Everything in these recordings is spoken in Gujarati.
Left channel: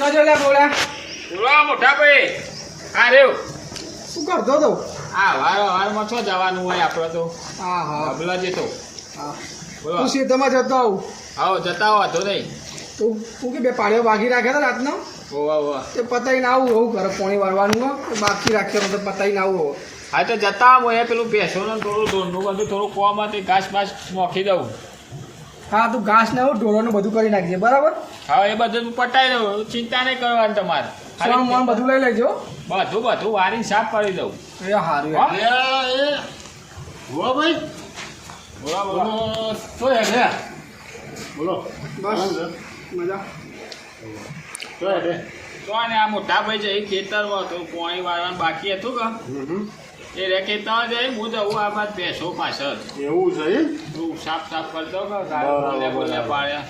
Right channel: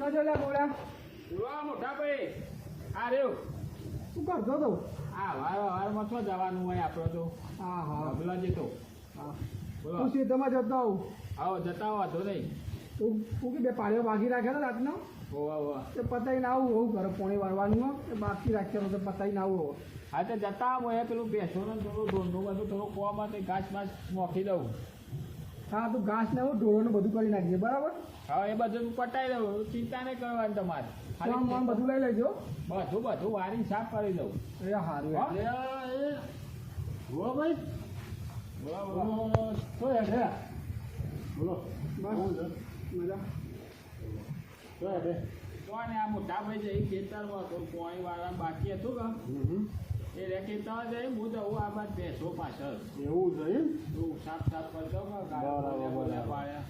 કજો લે બોલા બોલો મોટા ભાઈ. હા રેવ. શું કરતો તો? વારમાં છો જવાનું હોય આપણે તો. હા હા અબલા જતો. હા બોલો. તું શેતમાં જતો આવું આવો જતા હો તો નહીં. તું કે બે પાડીઓ બાકી રાખ્યા હતા રાતનો ઓવા તે પતાઈને આવું એવું ઘરે પોણી વાળવાનું હોય બાકી રાખ્યો તો પતાઈને આવું હોય. હા તો જતા હોય પેલું ભેંસોનું થોડું ધોરનું બધું થોડું કોમાંથી ઘાસ બાસ નોખી દઉં. હા તું ઘાસ ને એવું ઢોરોનું બધું કરી નાખજે બરાબર. હા એ બધું પટાઈ દઉં, ચિંતા નહીં કરવાની તમારે. સોન મોન બધું લઈ લેજો. બધું વારીને સાફ કરી દઉં. એ સારું હા? બોલો ભાઈ. બોલો બોલો. શું હે ને? બોલો. બસ મજા. શું હે ને? તો ને આ મોટા ભાઈ છે એ ખેતરમાં તો પાણી વાળવાનું બાકી હતું કે એ રે ખેતરમાં જઈ હું જવું આ બાદ ભેંસો પાછળ એવું છે એમ? તું સાફ કરી દઉં કે ગાય બોલે પાડ્યા.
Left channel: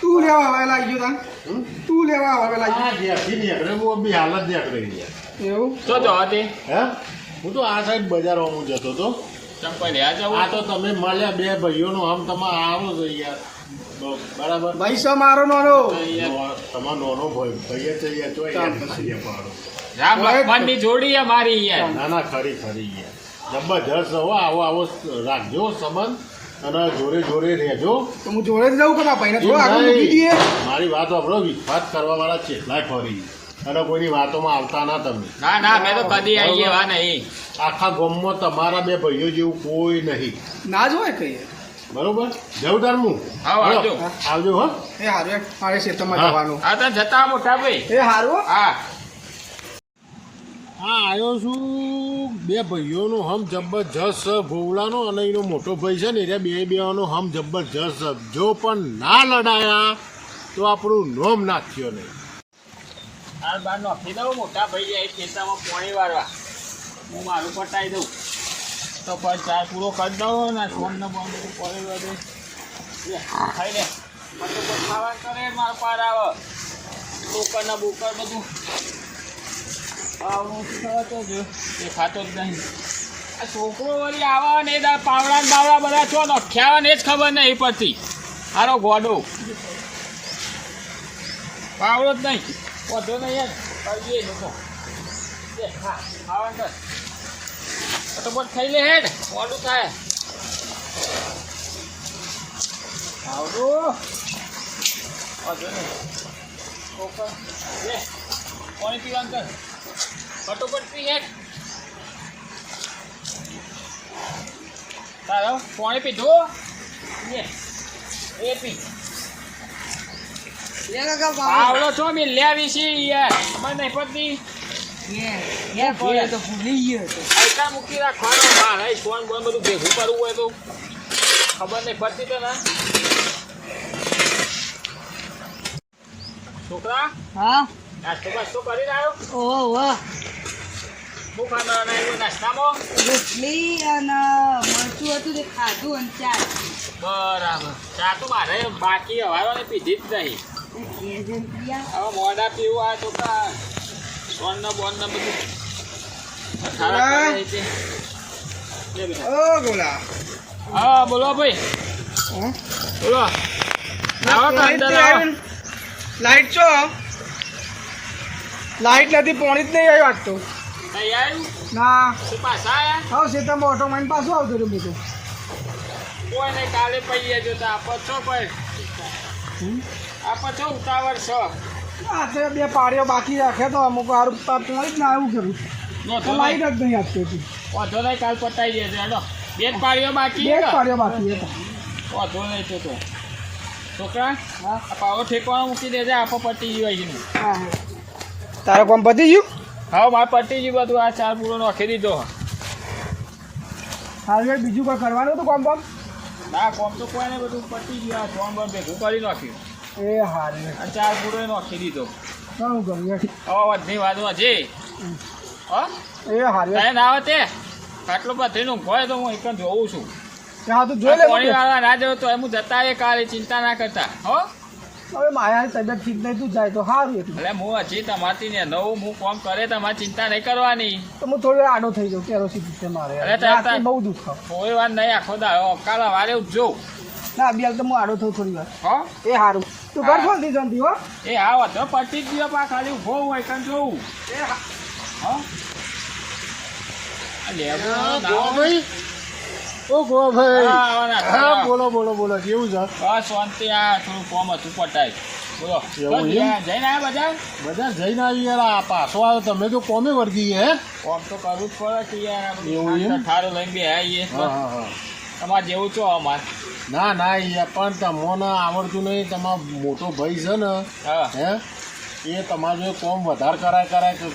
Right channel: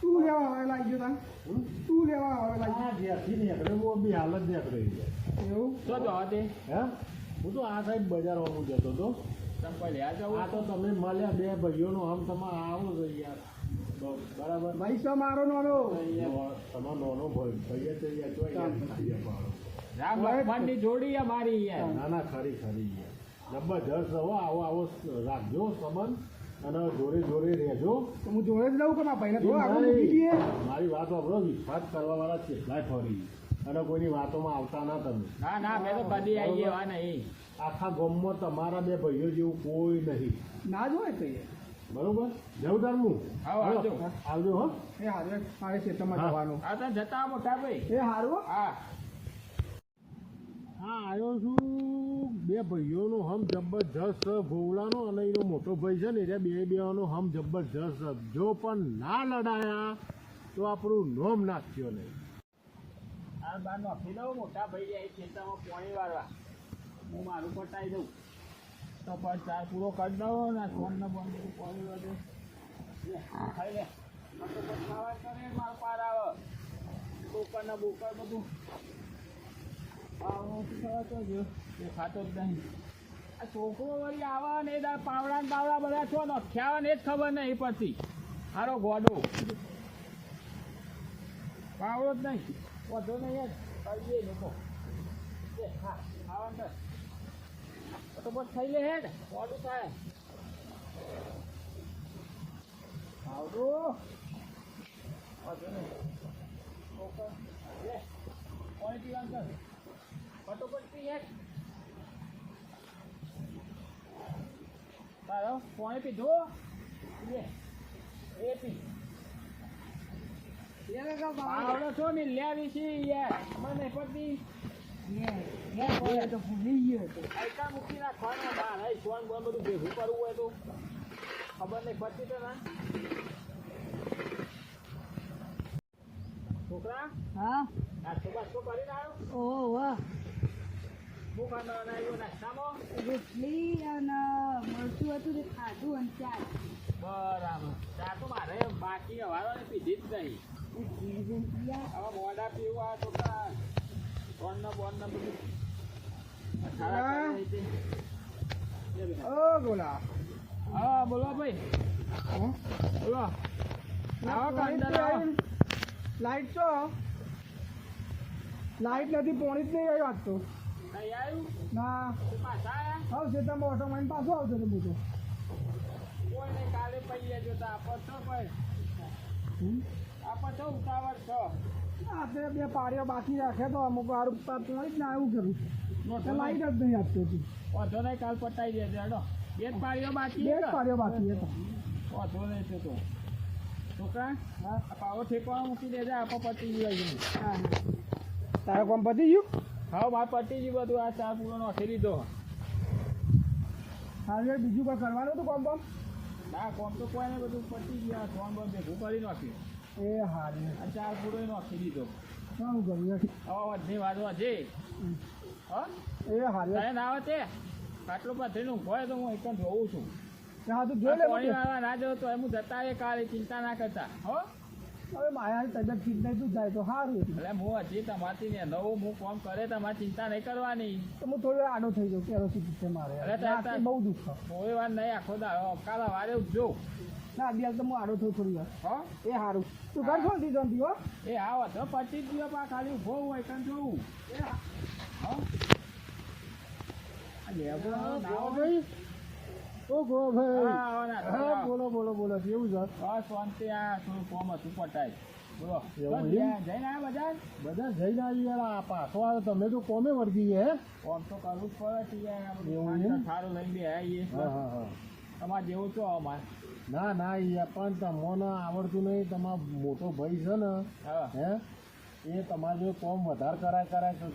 તું લેવા હવે લાગી ગયો તું લેવા હવે લાગી આ જ્યાંથી નીકળે હું બી હાલત નીકળી ગયા. એવું તો જવા દે. હે? હું તો આ સાઈડ બજારમાં હું જતો હતો. ચંપલ રહ્યા જવું. આ તો તમે મળ્યા બે ભાઈઓનો આમ તમારે આવો છો યાર. તો બરાબર. ભાઈ સો મારો નાનો તમારો નાનો ભાઈ ભાઈએ તો યાર જો યાર નથી પાડો. રામ લક્ષ્મણની જોડી છે મારી યાર. ના ના ખરી યાર જબરજસ્ત હો. આવો રાખજો સંબંધ અને જોડે રહેજો. તો હું જોડે જ રહું કે મારા ભાઈને થોડો આગળ મૂકી દઈએ. મારી વાત આપણો વિશ્વાસ કરવા વાળા કેટલાય ફરી અને કોઈની વાતોમાં આવતા ના તમે. ના મેં તો કદી આવી એવા નહીં. આખા ગામમાં તમારા બે ભાઈઓ જેવું કોઈ નહીં. ના જ હોય કઈ. બરોબર જવું તારમું. હા, આવજો. આવજો હો. એ હારું મારે ખેતરમાં હા. જવાનું. હા તો જતા મોટા ભાઈ. એ હારું હા હા આવ્યો છું બે ભાઈઓનો હમ જબરજસ્ત ભોવલાનો અને એનો મોટો ભાઈ છે ને એ બેનો હમ જબરજસ્ત. જો પણ ના લડાયા તો આપણું નોમ નાખ્યો નહીં. હાલ બાર નોખી દઉં મોટા ભાઈ જાય ખેતરમાં પાણી વાળવા. હું મારું પટાઈ દઉં તો પણ ચાર પૂરો કરી દઉં ને ફોનને બંધ બધું પાણી વાળું ખાઈ લે બધું ખાવા કરે મારો પાર આવે બોકર બધું આવું થતો જ દેખાતો જ નહીં. આ છોકરો વળી આવે ને એ પાવડા ને બાવડા બધા છો નખ્યા ને એ જ ખબર નહીં પડતી. હારો ગોડો પાવડો જ નહીં વધો નહીં યાર કરીએ લોકો હા ખાવાનું કર ફટોફટ ખાઈ લે હેડ મોડું થાય. આવડું વધો નહીં ઓકે લે પાણી પીવાનું કર ફટોફટ પી હેડ. તારો પાણી પીધું એ પી આવડો છો મેં લેવી છે યાર મને નહીં પડતી. આઈટા મૂકી રાખવાનો મારે ફોન બોન બધું ભેગું કરવું હોય તો ખબર નહીં પડતી તો ના. છોકરા હા નાસ્તો બાસ્તો કરી રહ્યો. ઓહો શું ખાના એવું નાસ્તામાં રોટલી અને મરચું હતું તે ખાધું અને ચા. બરાબર ચા તો મારે બાકી હવાને પીધી જ નહીં. હવે મોડા પીવું આ તો બોન ને બધું ઓ ગોલા હા બોલો ભાઈ બોલો. આવો તો અંદર આવો. લાઈટ છો લાઈટ નથી પાણી જ નહીં આવ્યું આજ તો. નહીં આવ્યું ના શું પાછા આયા હા ખેતરમાં ઓટો મારીને પાછું આવતું રહ્યું બધું. કોઈ નહીં કાલે પૈયા જોતા આપો છો ભાઈ આપો છો ઉતાવળ છો. આ તો બે પાડીઓ બાકી રાખ્યા તો અમુક સારું પાણી જ ના આવ્યું કર્યું તો લાઈટ જ નહીં આપતી હતી. વાંધો નહીં કાલ પતાવી દેજો હેડો. બે જ પાડીઓ બાકી બે જ પાડીઓ બાકી હતા. વાંધો નહીં તો છોકરા હા પાવો ઠેકવાનો મૂકી દેજે આપો પતી ગયું છે. હા તારે કોમ પતી ગયું? હા મારે પતી ગયું બધું. આ ચાર પૂરો નાખી દીધો. હાલ બીજું કોઈ કરવાનું હતું કોમ કોમ? ના કોમ તો કોઈ નહીં બધું પતી ગયું. આ ફોન પર ભેગું કરી નાખ્યું. એ હારે આ ચાર પૂરો નાખી દીધો. ઘણું કર્યું હવે વધની વાતમાં છે હા એ હારે તારે ના આવે તે આટલો બધીનું હોય તો હું એક જોઉં છું. હા તું જોઈ લે પાણી વાળવા ના જવું તો હું જતા એ કાલે ચિંતા ના કરતા હો. હવે માયાની તબિયત ઠીક નહીં તું જાય તો સારું એટલું. એટલે હું હજી તમારથી ને નવું હું કોમ કરે તમારે ચિંતા નહીં કરવાની. તો હું થોડી વાર આડો થઈ જાઉં કેરોસીન છે મારે અરે તાર બહુ દુઃખ કોઈ વાર નહીં આખો દાડો કાલે વારે ઉઠજો ના બી તો હું આડો થયું થોડી વાર. હો એ સારું તું ઘર ફોનથી જંતી હો એ હા વધો પટી જ ગયો પા ખાલી ઊભો હોય કન જોઉં એ હા. હા આ લેબુ ગોવાભાઈ ઓ ગોવાભાઈ હા, આવો ને, હા આવો. બોલો બોલો બોલો કેવું છે બસ શાંતિ આ થોડું કોમ હતું પટાય બોલો એવું બસ એમ? જઈને આવ્યા બધા બધા જઈને આવી યાર આ પાછો આવ્યો તમે તો કોમે વર્ગી હે કોમ તો કરવું જ પડે કે યાર આ બધું એવું એમ? ઠારો લઈને બે આવીએ હા હા હા તમારે જેવું છો અમારે ના ના યાર પણ તમને આવડતું નહીં તમારો મોટો ભાઈ છે ને હા હે એ તમારું જો કોમ વધારે કરાય કરે છે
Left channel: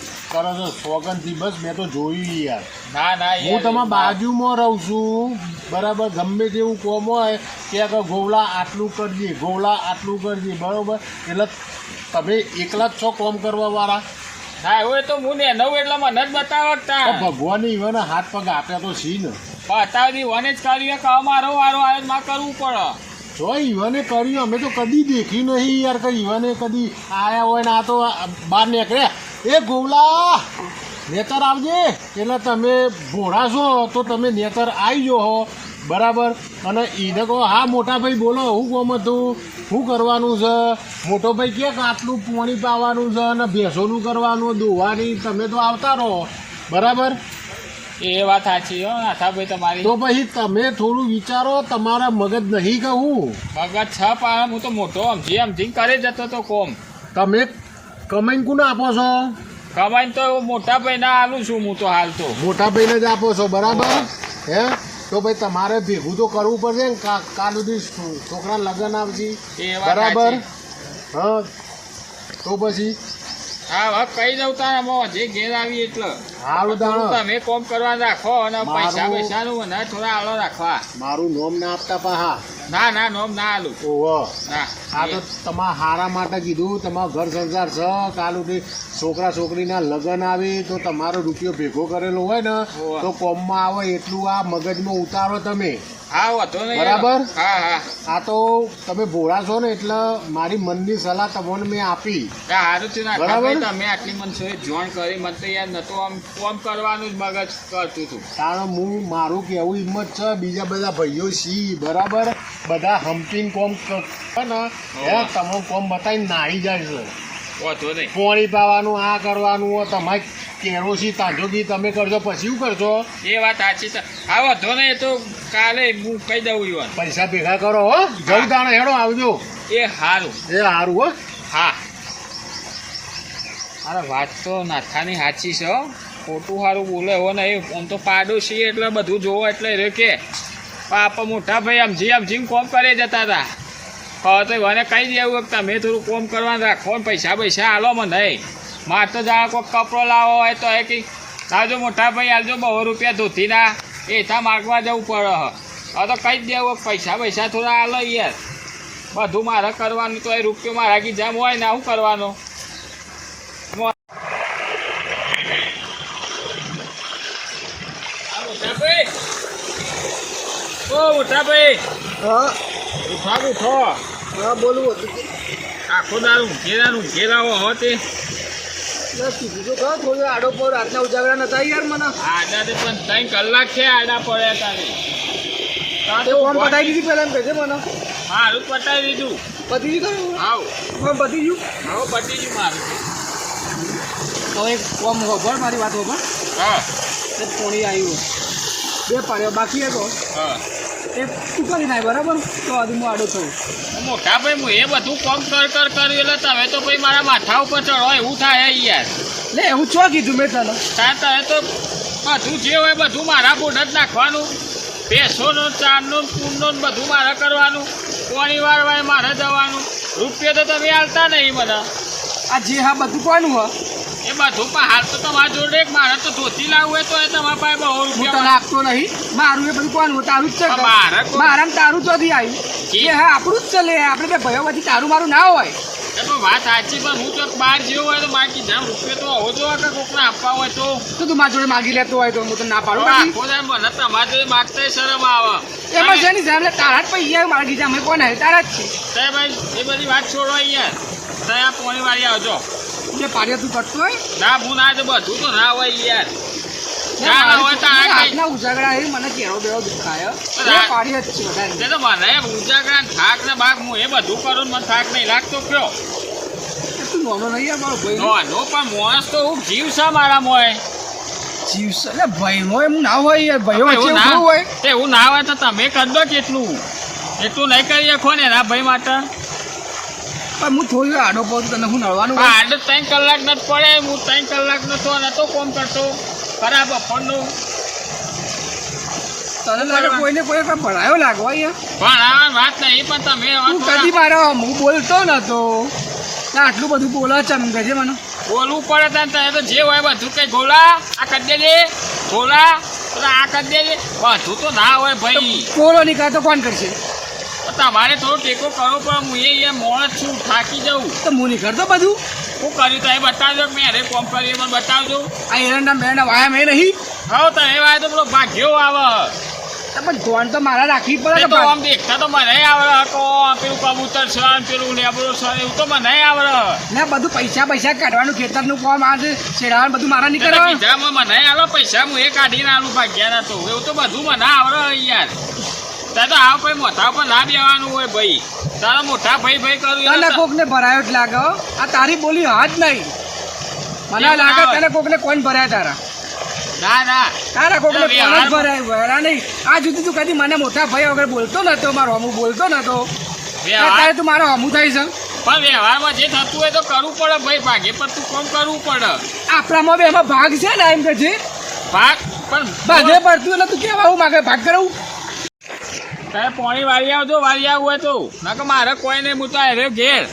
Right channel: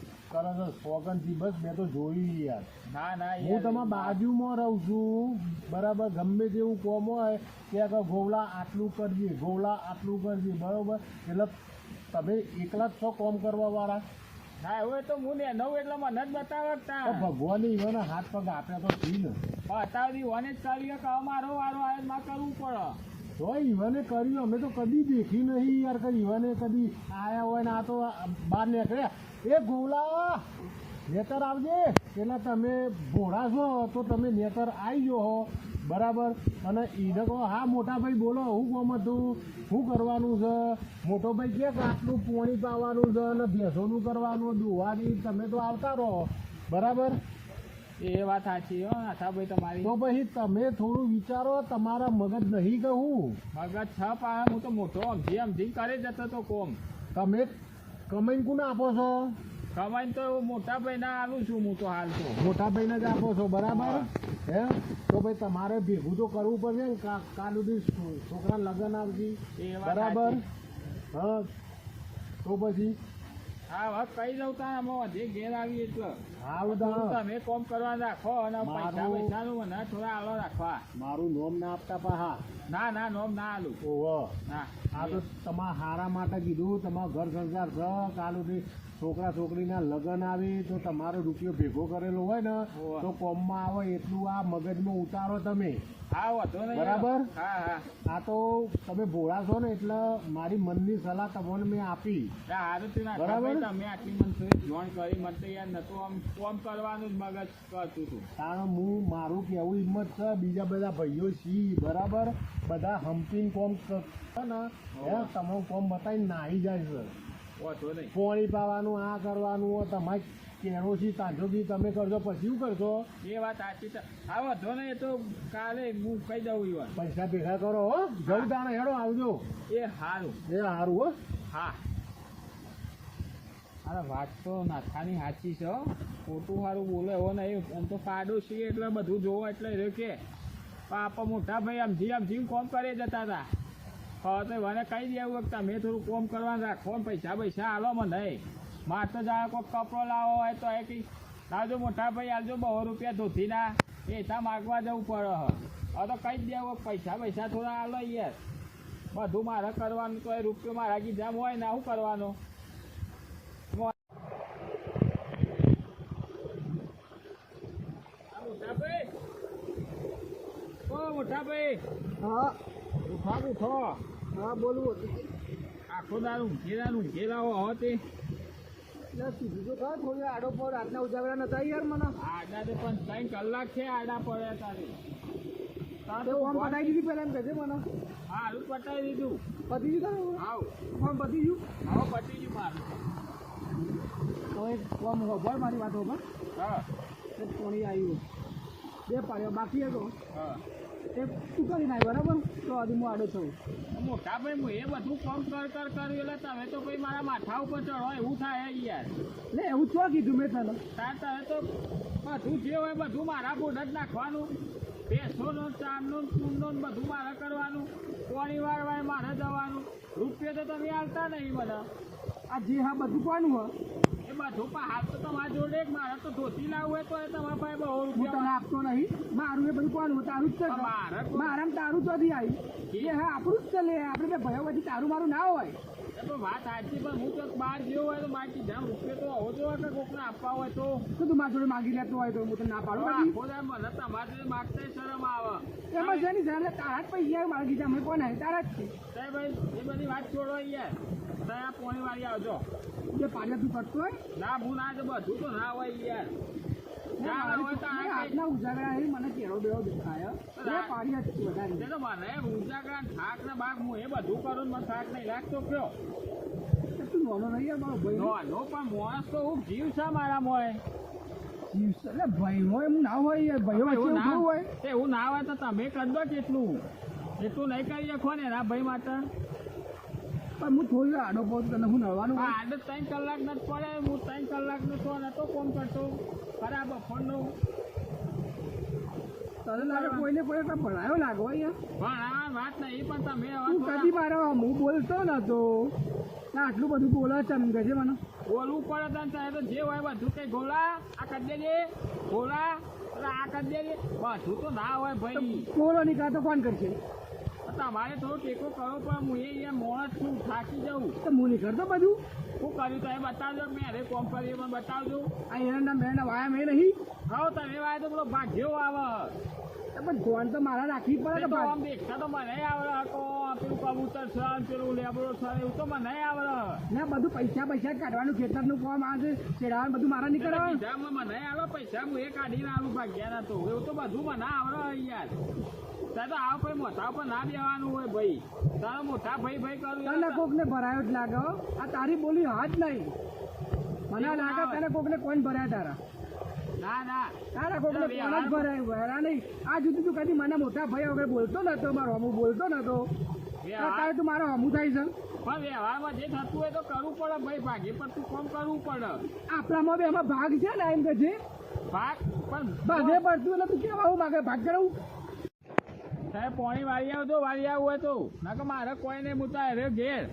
સોગનથી બસ મેં તો જોયું યાર ના ના હું યાર, તમારા બાજુમાં રહું છું બરાબર ગમે તેવું કોમ હોય કે ગોવલા આટલું કરજે ગોવલા આટલું કરજે બરાબર એટલે તમે એકલા જ છો કોમ કરવા વાળા ના એવું તો હું ને નવું એટલે મને જ બતાવતા ભગવાન ઈવન હાથ પગ આપ્યા તો છી ને બતાવી વને જ કર્યું કે મારો વારો આવે માં કરવું પડે જો ઈવને કર્યું અમે તો કદી દેખ્યું નહીં યાર કે ઈવને કદી આયા હોય ને આ તો બહાર નીકળ્યા એ ગોવલા નેતર આવજે એટલે તમે ભોળા છો તો તમે નેતર આવી જો હો બરાબર અને એને કહો હા મોટા ભાઈ બોલો હું કોમ હતું શું કરવાનું છે મોટો ભાઈ કે આટલું પાણી પાવાનું છે અને ભેંસોનું કરવાનું દોવાની તમે તો આવતા રહો બરાબર એ વાત સાચી હો નાથાભાઈ તમારી તો પછી તમે થોડું વિચારો તમારા મગજ નહીં કહું મગજ છ પાડે હું તો મોટો સમજી કરે જતો તો કોમ તમે કમાઈને કોને આપો છો કમાઈને તો મોટા ભાઈ ના આલું છું હું તો હાલ તો મોટા ભાઈને જ આપો છો બરાબર હે તો ભાઈ તમારે ભેગું તો કરવું પડશે ને કાલ સુધી છોકરા લગ્ન આવશે એ વાત બરાબર સાચી. હા તો પછી હા હવે કહી દઉં તારા મો જે ઘેર આવી એટલે સારું દાણો તમે કોમ કરવા રાખો અને પૈસા મારું- પૈસાનું મને થોડા આલો રાખવા મારું નોમ ના આપતા પાહા ના ના નોમ ના આલું ઓહો ના આ તો તમારા હારા માટે કીધું તમારો ઘર સંસાર છે કાલ સુધી છોકરા છોકરીના લગ્ન આવી તો તમારો રૂપિયો ભેગો કરેલો હોય ને ઓવા. તો કોમમાં આવે એટલું આ મગજમાં ઉતારો તમે હા વાંધો નહીં બરાબર? હા હા આ તો તમે ભોળા છો ને એટલે મારી મનની સલાહ તમને મેં આપી હા, હારું થયું ના બરાબર? તમે તમે આટલી મને જોઈન કરી મને તો યાર નતો આમ કોમ કરવાનું જ મગજ કરતું હતું કારણ હું મારું કેવું હિંમત છે બીજા બધા ભાઈઓ છી બરાબર બધા હમ્પીને કોમ કરે ને હે તમે કોમ બતાવીને નાહી જાય છે વાંધો નહીં પોણી પાવાનું આ કરવાનું હોય તમારે કેરોસી તાંજોગી તમે કરજો પછી શું કરશો એ વાત સાચી છે હા વાંધો નહીં એ તો કાલે હું કહી દઉં ઈવન પૈસા ભેગા કરો હો જવું તાણે હેડો આવજો એ સારું એ સારું હો હા અરે વાત તો નાથાની સાચી છે હો. ખોટું સારું બોલે એવો નહીં આમ તો પાડોશી એટલે બધું જોવો એટલે રે કે પાપા મોટા ભાઈ સમજીને કોમ કરે જતા હતા હવે તો મને કહી દેવું કે તમે થોડું કોમ કરવાનું રાખો ને પૈસા આલો મને નહીં મારે તો જાણે કોઈ કપડો લાવો હોય તો એ કંઈ લાવજો મોટા ભાઈ આલજો 200 રૂપિયા ધોતીના એ ત્યાં માગવા જવું પડે હવે તો કહી જ દેવું કે પૈસા થોડા આલો યાર બધું મારે કરવાનું તો એ રૂપિયો મારા ગીજામ હોય ને શું કરવાનું મોટાભાઈ હા ઉઠો હા બોલવું હતું આખો દારૂ ઊંઘેલા હો તે એટલે કીધું તો ખરા થોડું આડો પર રાતના ઉજાગરા નતા યાર મને આડા તે પણ 3 કલાક છે આડા પડ્યા તારે તે ફોન પટાઈ દીધી પહેલા એમ કહેજે મને મારું પટાઈ દીધું પતી ગયું આવ ફોન પતી ગયું હવે પટી ગયું મારું તો એક કોમ હોભળ મારી વાત હોભળ હા એ પોણી આવ્યું બે પાડ્યો બાકી હતો હા એ તું કરી નાખ બરાબર તો આજે હું આડો થયું મોટા ભાઈ હું એ બધું કોમ કર્યું એટલે તમે તો ભાઈ મારા માથા ઉપર ચડો એવું થાય યાર લે હું ચો કીધું મેં તને તમે તો બધું જે હોય બધું મારા બોટ જ નાખવાનું ભેંસોનો ચારનો કૂંડનો ને બધું મારે કરવાનું કોની વાર મારે જવાનું રૂપિયા તો તમે હાલતા નહીં બધા આ જે હા બધું કોનું હ એ બધું પણ હાલ તો તમારા જોડે મારે તો ધોતી લાવવું હોય તો એ તમારા પાસે 200 હું તને રૂપિયા આપતો નહીં મારું એ બધું કોનું તારું જ છે પણ મારે કોઈ- મારામાં તારું ચોથી આવ્યું એ હા આપણું જ ચલે આપણે બે ભાઈઓ પછી તારું મારું ના હોય એ પણ વાત સાચી પણ હું તો બહાર જેવો હોય તો મારે કીધા રૂપિયા તો હોવો જોઈએ કે કોકને આપવા હોય તો તો તું મારી જોડે માગી લેતો હોય તો હું તને ના પાડું હવે પછી આખો દાડો મને તમારા જોડે માગતાય શરમ આવે એમાં છે ને સાહેબ તારા જ પૈસા મારા ગીજા મેં કોણ તારા જ છે તે ભાઈ એ બધી વાત છોડો યાર ત્યાં પોણી વાળી આવજો જે પાડ્યો તું કરતો હોય ના હું ના તો બધું તો ના હોય યાર ચાલ હવે તો આ કઈ હાથના ઉજાગરા એ મને કેળો બેળો દુખાય બે પાડીએ જ છે વધારે તે તો મને ઉજાગરા થાક ને બાગ હું એ બધું કરું ને મને થાક નહીં લાગતો કયો તું નોનો નહીં યાર મારો ભાઈ નો પણ માણસ તો હું જીવ છે મારા મોય જીવ છે એટલે ભાઈ હોય એમ ના હોય યાર ભાઈઓ વચ્ચે એવું એવું હોય એવું ના હોય તો તમે કરી દો કેટલું એટલું નહીં કરી શકો ને એના ભાઈ માટે પણ હું થોડી આડો પાડું તને હું નળવાનું પણ આડે 3 કલાક નથી પડે હું 3 કલાક નતો કોમ કરતો ખરાબ બપોરનું તને લાગે કોઈને કોઈ કઈ ભણાયો લાગવા યાર પણ આ વાત નહીં પણ તમે તું કદી મારો હું બોલતો નતો આટલું બધું બોલા ચમ ગજે મને બોલવું પડે તને તો જે હોય બધું કઈ ગોળા આ કરી દેજે ગોળા આ કરી દેજે બધું તો ના હોય ભાઈ બોલો નીકળે તો કોણ કરશે તમારે થોડો ટેકો કરવો પણ હું એ મોણસ છું થાકી જાઉં તો હું નહીં કરતો બધું શું કર્યું તો એ બતાવજો મેં અરે કોમ કર્યું એ મને બતાવજો આ એરંડા મેરંડા વાયા મેં નહીં હવે તો એ વાય તો પેલો ભાગ્યો આવે પણ ધોન તો મારા રાખવી એ પડે તો ને આમ દેખતા તો મને આવડે કો પેલું કબૂતર છે પેલું લેબડો છે એવું તો મને આવડે ને બધું પૈસા કાઢવાનું ખેતરનું કામ આ છે શેડાવાનું બધું મારા નહીં કરવા કીધામાં મને આલો પૈસા હું એ કાઢીને આલું ભાગ્યા તો એવું તો બધું મને આવડે યાર તારે તો આવ કોઈ મોટા ઉપર ના બેવાનું હોય ભાઈ તારા મોટા ભાઈ કરું તને કોકને ભરાયો જ લાગે હો. આ તારી બોલી હાથ નહીં મને લાગે તને કોકને કોણ ભરાયા તારા ના તારા કોકને કોણ જ વ્યવહાર- ભરાય ભરા નહીં આ જુદી તું કદી મને મોટા ભાઈ વગર બોલતો નતો મારો હમું બોલતો નતો અત્યારે તું મારો હમું થાય છે પણ વ્યવહારમાં જે થતું હોય તો કરવું પડે ભાઈ ભાગે પર તું કોમ કરવું પડે આપણામાં બી એમાં ભાગ છે ને એમ કે છે ભાગ પણ ભાગે પડતું એટલે તું કેવા આવું માગે ભાગ કરાવું તારે પાણી વાળી આવજો વાળી આવવું હોય તો ના કે મારે કોઈ નહીં હું તો અરે ઘેર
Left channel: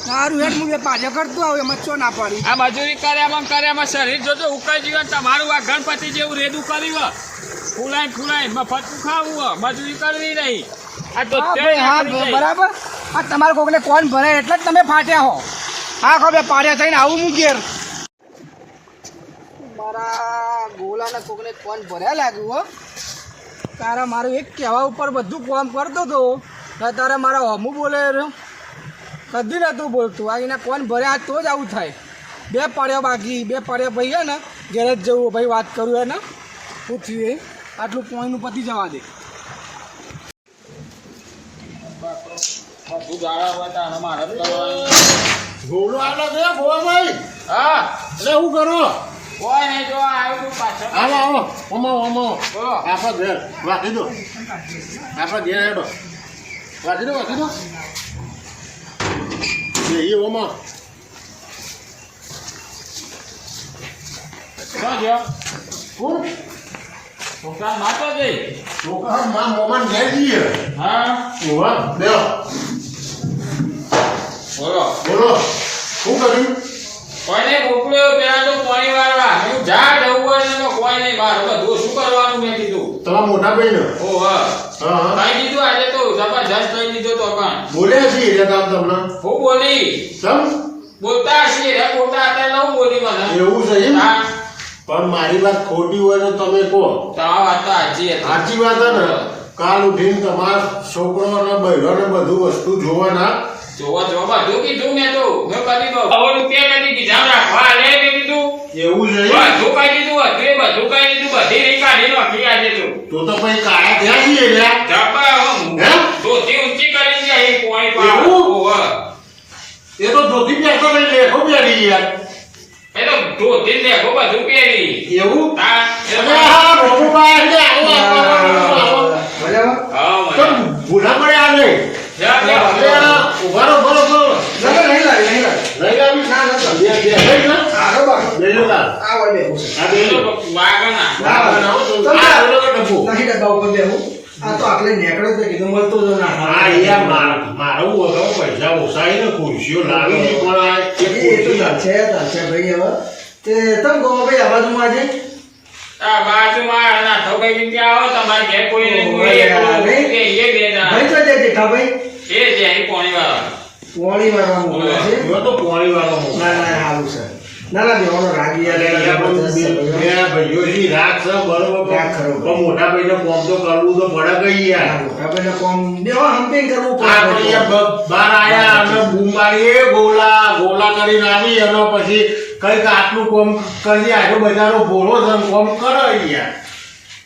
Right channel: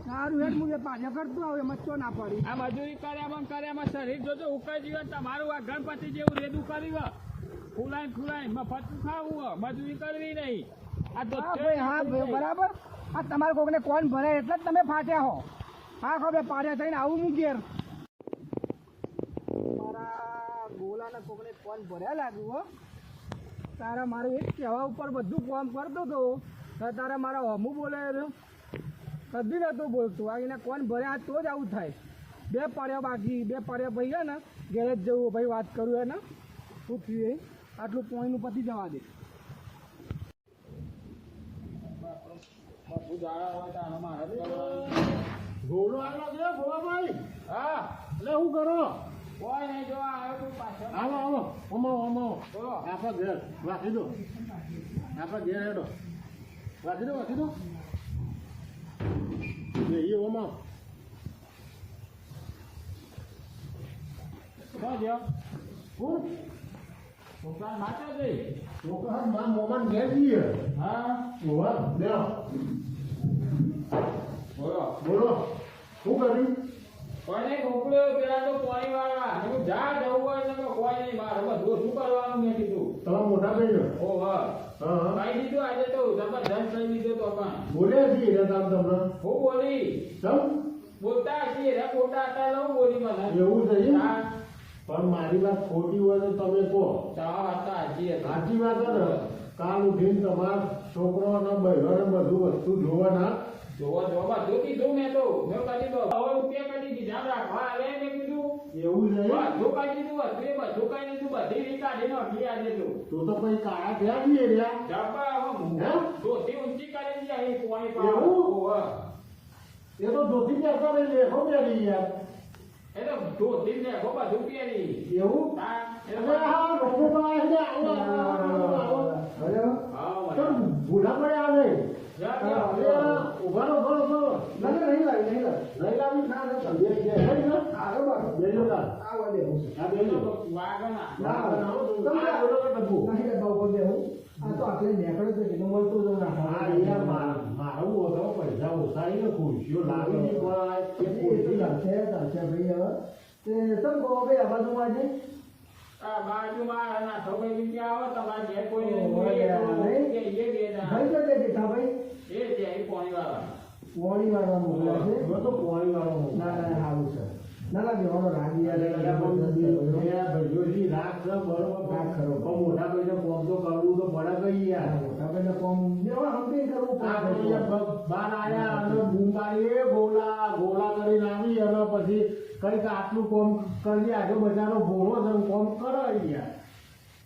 સારું હેઠ હું પાછો કરતો આવું એમાં ચો ના પાડી આ મજૂરી કર્યામાં શરીર જોજો ઉકાઈ જીવન તમારું આ ગણપતિ જેવું રેડું કર્યું ફૂલાઈ મફતનું ખાવું મજૂરી કરવી નહીં આ તો હા ભાઈ, હા ભાઈ, બરાબર આ તમારે કોકને કોણ ભરાય એટલે જ તમે ફાટ્યા હો હા ખબર પાડ્યા થઈને આવું હું ઘેર મારા ગોલાના કોકને કોણ ભર્યા લાગ્યું હો તારા મારું એક કહેવા ઉપર બધું કામ કરતો હતો ને તારે મારા હમું બોલે રહ્યો કદી નહોતું બોલતું આ એના કોણ ભર્યા તો જ આવું થાય બે પાડ્યા બાકી બે પાડ્યા ભાઈ હે ને ઘેર જ જવું ભાઈ વાત કરું હે ને શું થયું એ આટલું પોઈન્ટનું પતી જવા દે બધું ગાળા હોય તો આને મારે જ કરવાનું. ઘોડો આવ્યો છે ભોળાભાઈ હા એટલે શું કરો કોઈ નહીં જો આવ્યું તું પાછળ આવો ઓમો બોલો. આપણા ઘેર વાંચી દો આપણા ઘેર હેડો વાંચી દો એ ઓમો શું છે કોણ છોકરા માતો જઈ છોકરા માં મોમાન ઘેર જઈએ હા ઓવા બેહો બોલો બોલો શું કર્યું કોઈ નહીં મોકલ્યો પેલા તો પાણી વાળવા હું જા જવું હોય ને તો કોઈ નહીં મારે બધું શું કરવાનું મેં કીધું તમારા મોટા ભાઈ ને ઓ હા હા કઈ દીધું આજે તો જબરજસ્ત કહી દીધો તો પણ બોલ્યા છીએ રે કામ તમને હું બોલી સમ બોલતા છીએ રે બોલતા હતા એટલે હું બોલી મને એવું છે એમ હા પણ મારી વાત ખોટી હોય તો તમે કહો તમારી વાત તો સાચી હતી સાચી વાત છે ને કાલ ઉઠીને તમારા છોકરો અને બૈરો ને બધું વસ્તુ જોવાના જોવા બધું કીધું મેં તો મેં કરી દઉં 100 રૂપિયા કદી કીધા રાખવા લે મેં કીધું એવું છે એમ? બધું કહી દીધું હતું એ બધું કહી દીધું બધી રીત કાઢી નાખી આજે તો તો પછી કાયા થયા છીએ રે જબ્બા હું હે? ધોતી ઊંચી કરી છે અહીં પોણી પર એવું? ઓહો એ તો ધોતી પહેરતો નહીં લેખો પહેરી યાર એ તો ધોતી લેખો બધું પહેરી એવું હા અરે હા બાબુભાઈ એટલે આવો હા તો મને ભૂલા પડે આવે જા જા ઉભારો લઈ લાવી બે લઈ લો બે લો કા આ બે લો વાગના ના બનાવો તો આ લો ડબ્બો હા યાર મારું વગર પૈસા ઓછાઈ ને ખુરશીઓ લાવી નહીં પણ આ એક ખુરશી આ બાજુમાં ના તો કઈ ત્યાં આવો તમારે ઘેર કોઈ નહીં હું એ બે જણા એ જે અહીં પોણી વાળા જો તો પોણી વાળો મોકો. બે ભાઈઓ થી રાખ છે બરોબર રાખ ખરો. પણ મોટા ભાઈને કોમ તો કરવું તો પડે કઈ યાર આપણે યાર બહાર આયા અને બૂમ મારીએ ગોલા કરીને આવી અને પછી કંઈક આટલું કોમ કરી આજુ બજારો ભોળો છે ને કોમ કરો યાર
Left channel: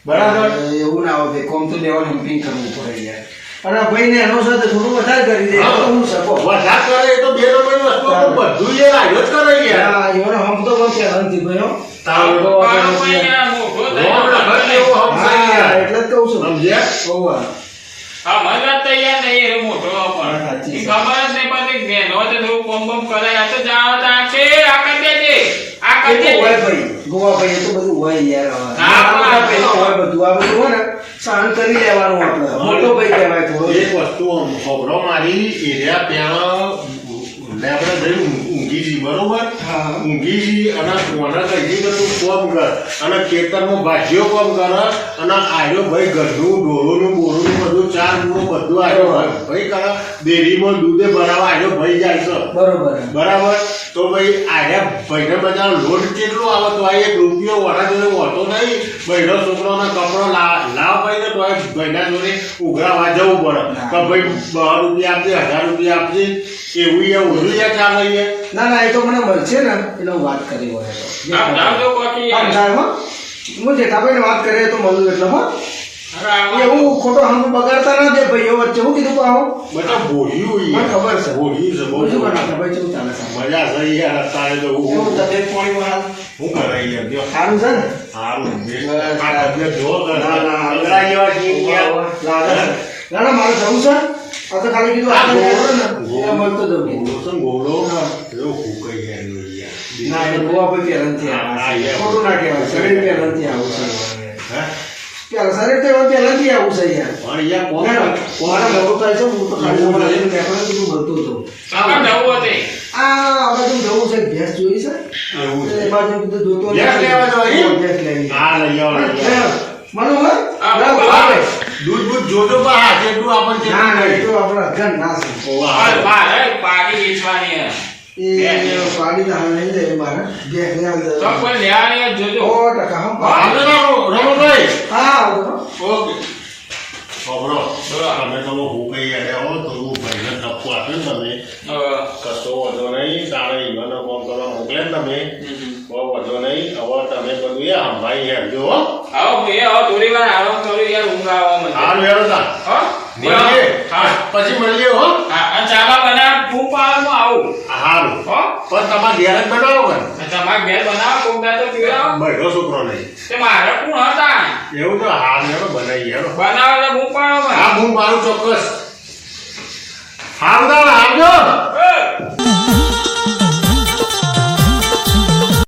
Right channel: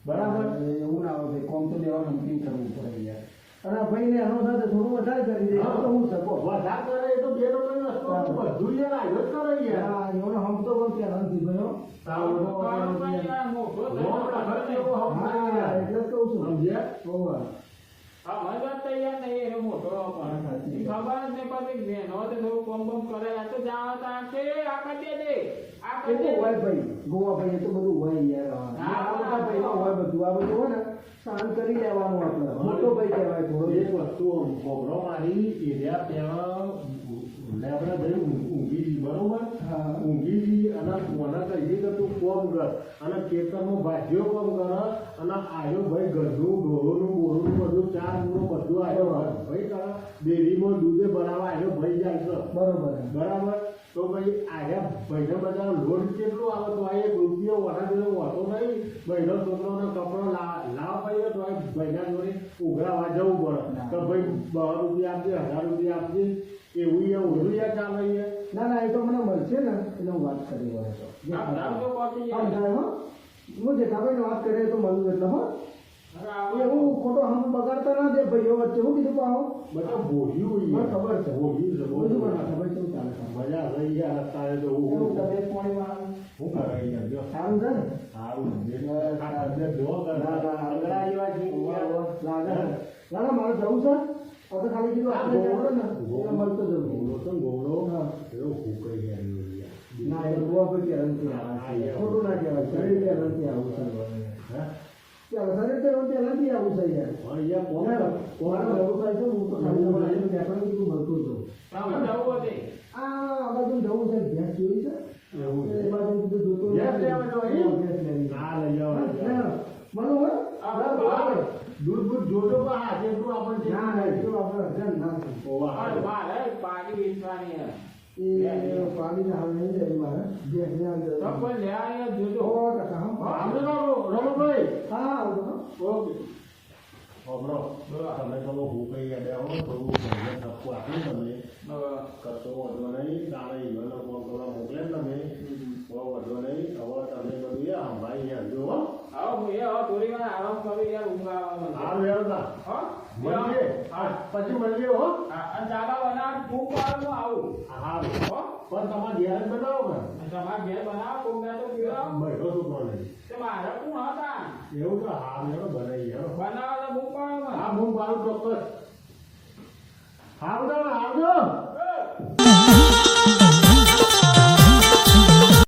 બરાબર એવું ના હોય કોમ તો લેવાનું હમ્પિંગ કરવું પડે યાર અને ભાઈ ને એનો સાથે થોડું વધારે કરી દે તો હું શકો વધારે કરે એ તો બે નંબરની વસ્તુ પણ બધું યાર આજુ જ કરે યાર એનો હમ તો પણ પહેલાંથી ભાઈ હો તારો પાડો ભાઈ યાર મોટો થઈ રોડ ગયો. લગન જેવો હમ છે યાર એટલે જ કહું છું સમજ્યા ઓવા હા મને તૈયાર નહીં એ મોટો પણ સાચી ઈ ખબર જ નહીં પડતી બેનો તો થોડું કોમ બમ કરે આ તો જાણો તો આ છે આ કરી દેજે આ એ કરી તો હોય દેજે ભાઈ ગોવા ભાઈ એ તો બધું હોય યાર હા, આ પેલા હોય બધું આ બધું હોય ને સહન કરી લેવાનું આપણે મોટો ભાઈ કહેવાય થોડો એક વસ્તુ ખબરો મારી એરિયા ત્યાં લેબડે જઈ ઊંઘી જી બરોબર હા. ઊંઘી જી અને કોને કહી કે તું કોમ કર અને ખેતરમાં ભાજીઓ કોમ કર અને આયો ભાઈ ગઢનું ઢોરોનું બોરોનું બધું ચાર પૂરો બધું આયો ભાઈ કરે ડેરીમાં દૂધે ભરાવા આયો ભાઈ જાય છે બરોબર બરાબર તો ભાઈ આયા ભાઈને બધા લોડ કેટલો આવે તો આ 1 રૂપિયો વડા જોડે હોતો નહીં ભાઈનો છોકરોના કપડો લાવ ભાઈ ને તો આ ભાઈના જોડે ઉઘરાવા જવું પડે કે ભાઈ 12 રૂપિયા આપજે 1000 રૂપિયા આપજે એવું યા ઓછું યા ચાલે યાર ના ના એ તો મને મળશે ને એટલે હું વાત કરી હોય તો આમ જાવજો કોકી આમ જાય હો હું જેઠાભાઈને વાત કરે તો મળું એટલે હો અરે આવા એવું ખોટો હમ બગાડતા ના દે ભાઈઓ વચ્ચે હું કીધું પાહો બધા ભોળ્યું મને ખબર છે ભોળ્યું છે બહુ બીજું પણ ના ભાઈ કેવું ચાલે છે મજા છે યાર અત્યારે તો એવું તબિયત પાણી વાળા હું કરે યાર જો સારું છે ને સારું બસ, આ તબિયત જો ના, ના, અંગડા જેવા છીએ યાર લાગે છે ના ના મારે જવું છે આ તો ખાલી કીધું આ આપણે ગોળો ને એ મળતો જવું ગોળો છે ને ગોળો હા. એવો ફૂંકાઈ યાર યાર ના એ ગોવા ભાઈ પહેલાંથી હા, આવે છે યાર. ખોટું ના કહેવાય શરીર પહેલાંથી આવું છે હે પેલા શરીર તો પહેલાંથી આવું છે યાર પણ યાર કોમ ના, ના, મારા મોડું થાય છે હું તો ખાલી એવું તમારા છે. લઈને બેઠો છું, તું ભરતો હતો કાકા જવું હતી આ બાજુ જવું છે ભેંસ જોઈ છે એવું છે એ બાજુ કીધું જોતો ભેંસ લેવા જવાની? ભેંસ લેવી હા લઈ આવો લઈ આવો. મનોહર આ ના, બાબા. ભાવે. દૂધ બૂધ જોજો પણ હા જેટલું આપણને ના ના એ જેટલું તો આપણે અગર ના છે ઓવા પણ મારે પાડી વેચવાની હે. એ પાડી તો હાલ નહીં જાય મારે ભેંસ ને હાલ તો જાય. કોઈ લેવાની હોય જોજો 100% હમ. આપણે તો રમણભાઈ હા આવજો. ઓકે ખબરો બોલો. તમે તો હું કઈ યાર આવો તો હું ભાઈને ટપ્પુ આપે ને તમે કશો વાંધો નહીં તારે ઈવાનો ફોન કરવા મોકલે ને તમે બહુ વાંધો નહીં હવે તમે બધું એ સંભાળી હેડજો હો આવો હું એ હવે થોડી વાર આરામ કરું યાર ઊંઘ આવે મને હાલ વેરો તા હો મળીએ હા પછી મળીએ હો હા અને ચાબા બનાવ હું પાલમાં આવું હારું હો પણ તમારે ઘેર જ બનાવો કે અને તમારા ઘેર બનાવો કોકદા તો પીવડાવો બહેરો છોકરો નહીં તે મારે કોણ હતા એવું તો હાલ વેરો બનાવી હેડો બનાવો એટલે હું પાડો હા હું મારું ચોક્કસ હાલ આવજો મને